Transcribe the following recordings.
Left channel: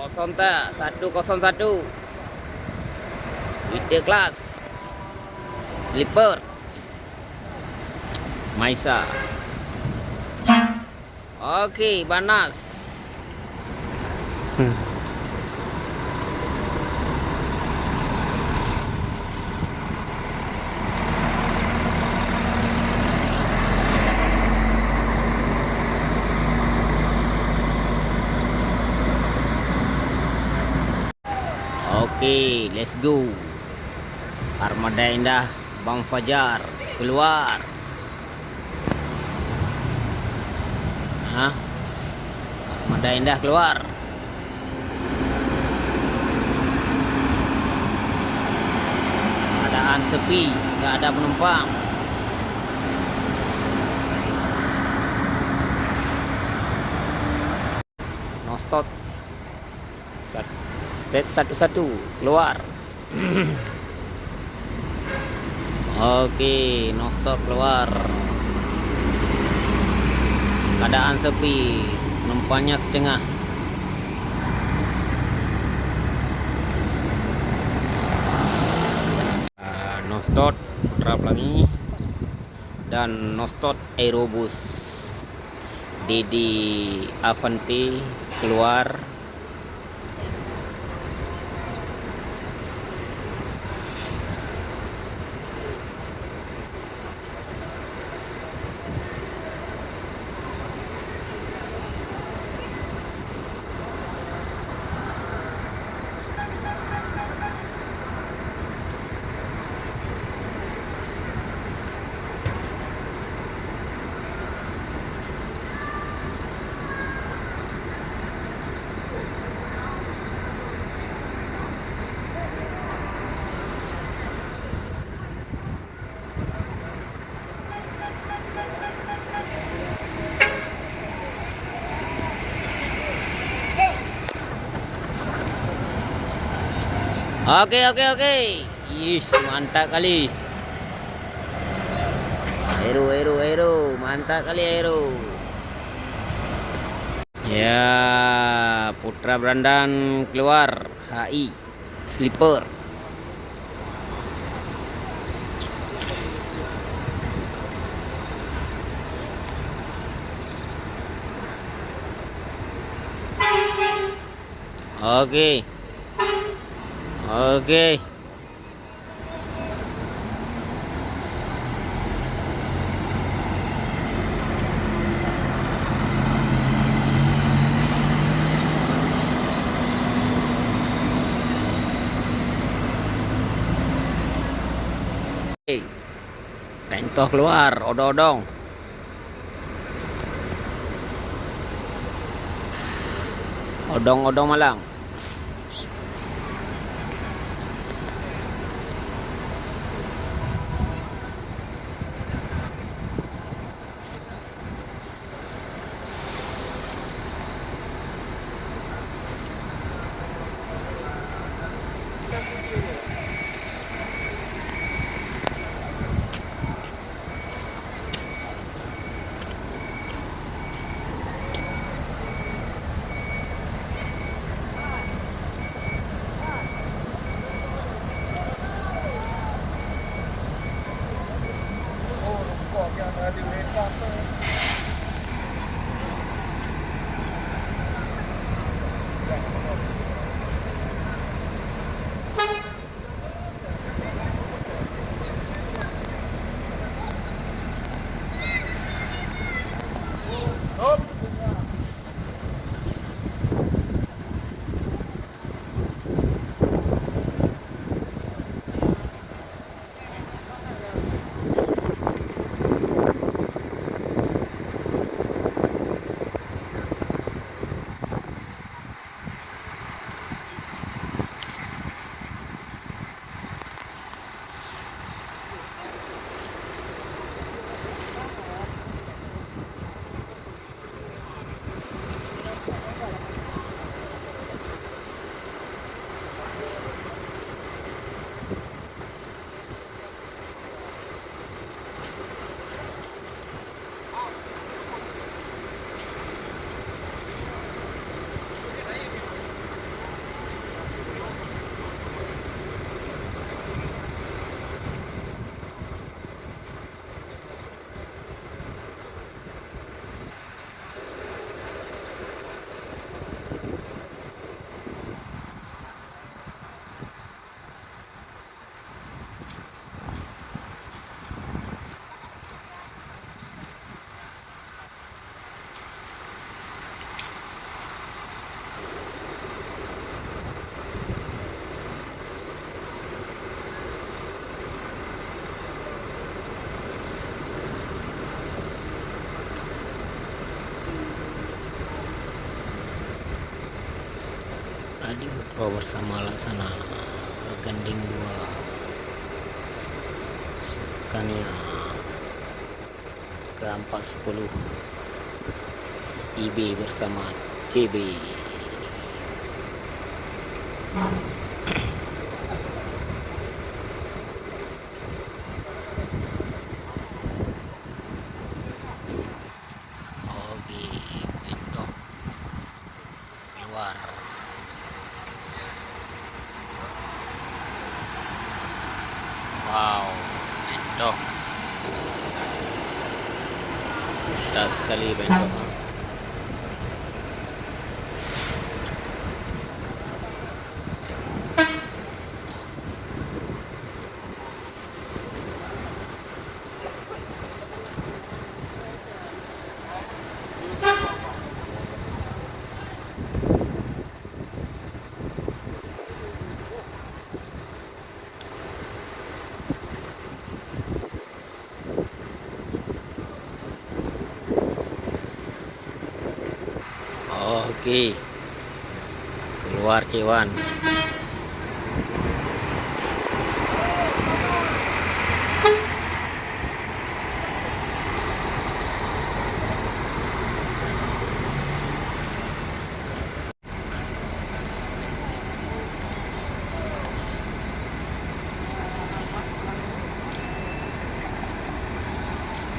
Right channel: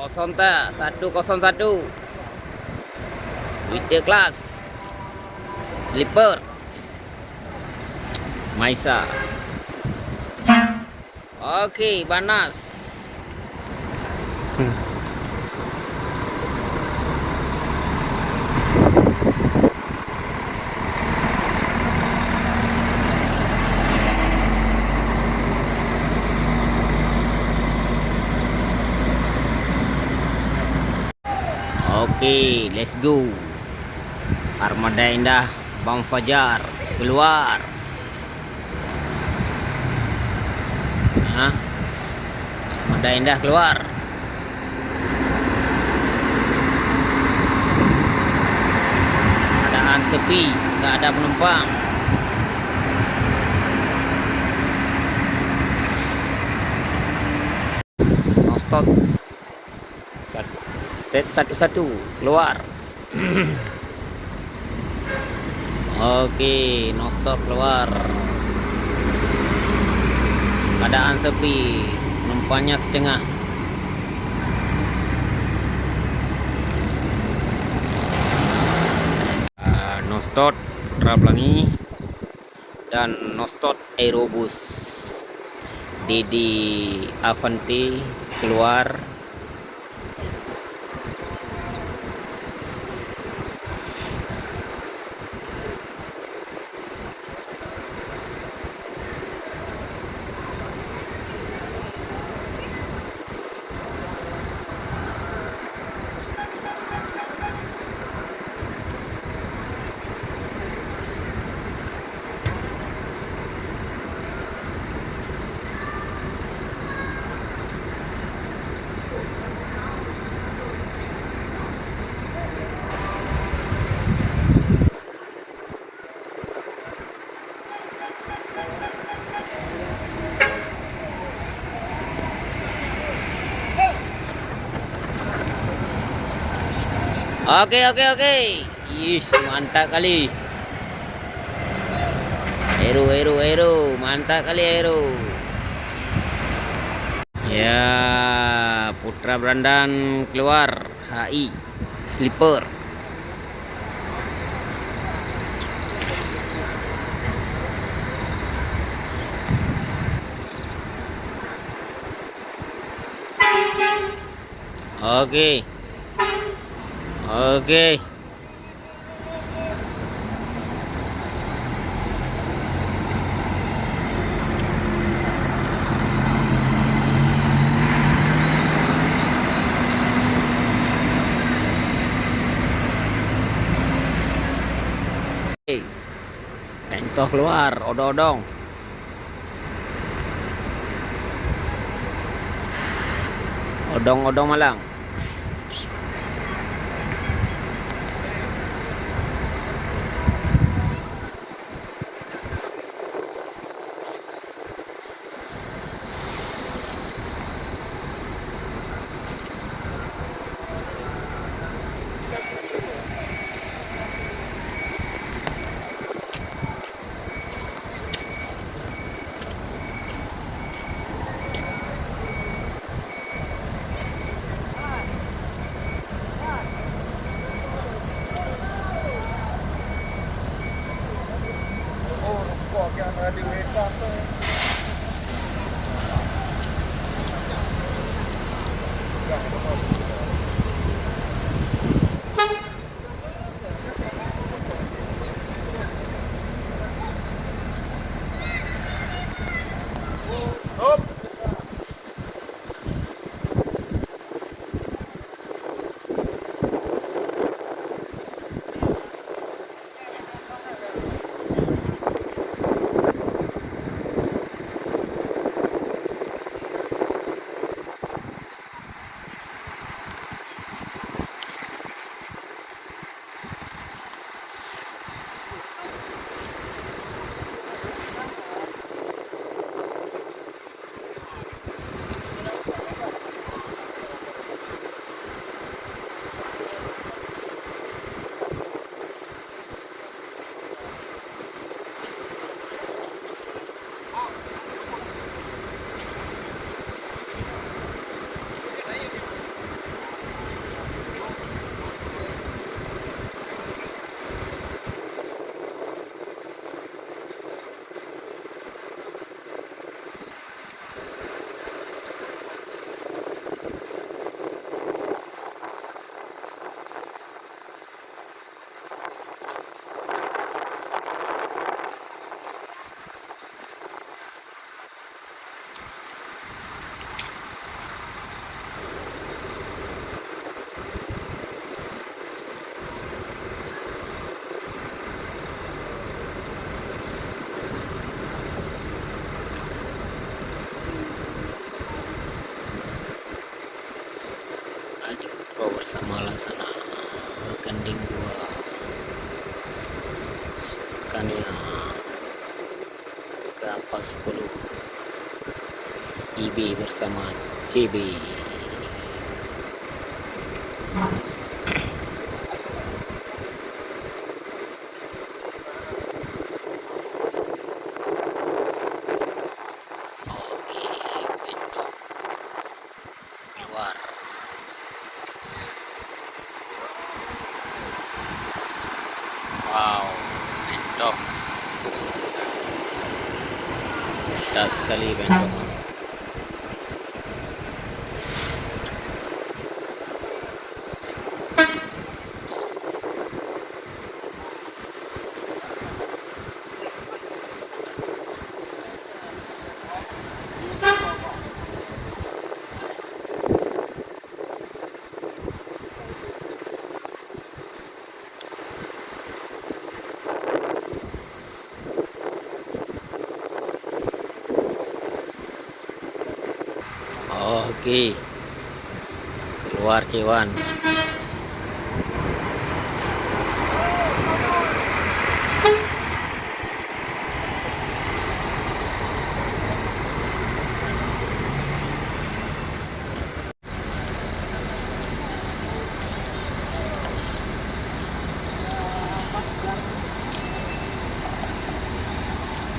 Rosonta 101 Sweet Class Slipper Maisa. Oke, Banas. Oke, let's go. Armada Indah Bang Fajar keluar. Hah? Armada Indah keluar. Keadaan sepi, nggak ada penumpang. No stop. Set 11 keluar. Oke, no stop keluar. Keadaan sepi, penumpangnya setengah. No stop Putra Pelangi dan no stop Aerobus. Didi Avanti keluar. Oke. Ih, mantap kali. Aero, mantap kali Aero. Ya, Putra Brandan keluar. HI Slipper. Oke. Pentoh keluar, odong-odong. Odong-odong Malang. Aldi Pro bersama Laksana bergandeng dua Scania ke-410 IB bersama CB. Oke, pintu keluar. Wow, pintu ketat sekali pintu. Oke, keluar Cewan.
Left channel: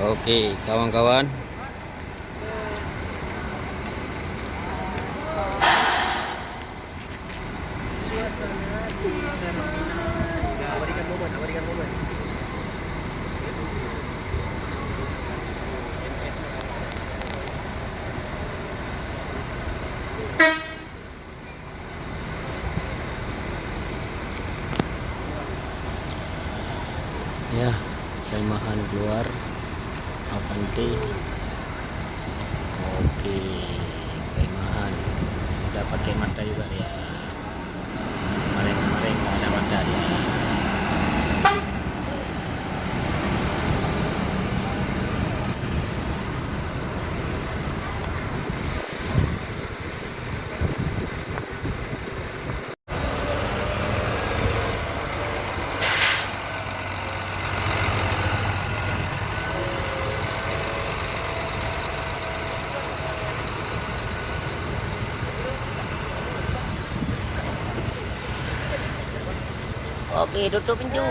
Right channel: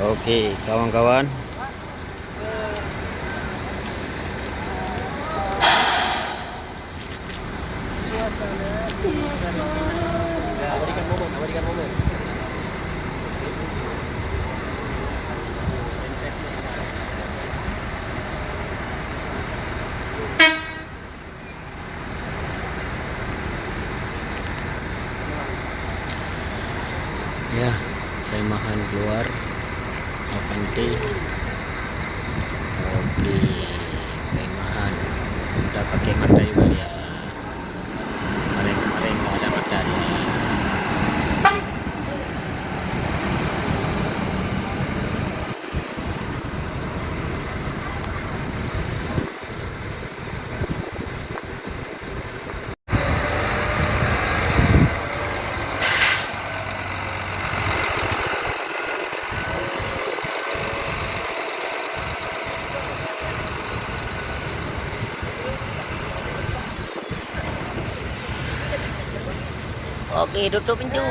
Oke, kawan-kawan. Ya, remahan keluar Avanti. Oke, remahan udah pakai mata juga dia. Kemarin nggak ada mata dia. Oke, tutup pintu.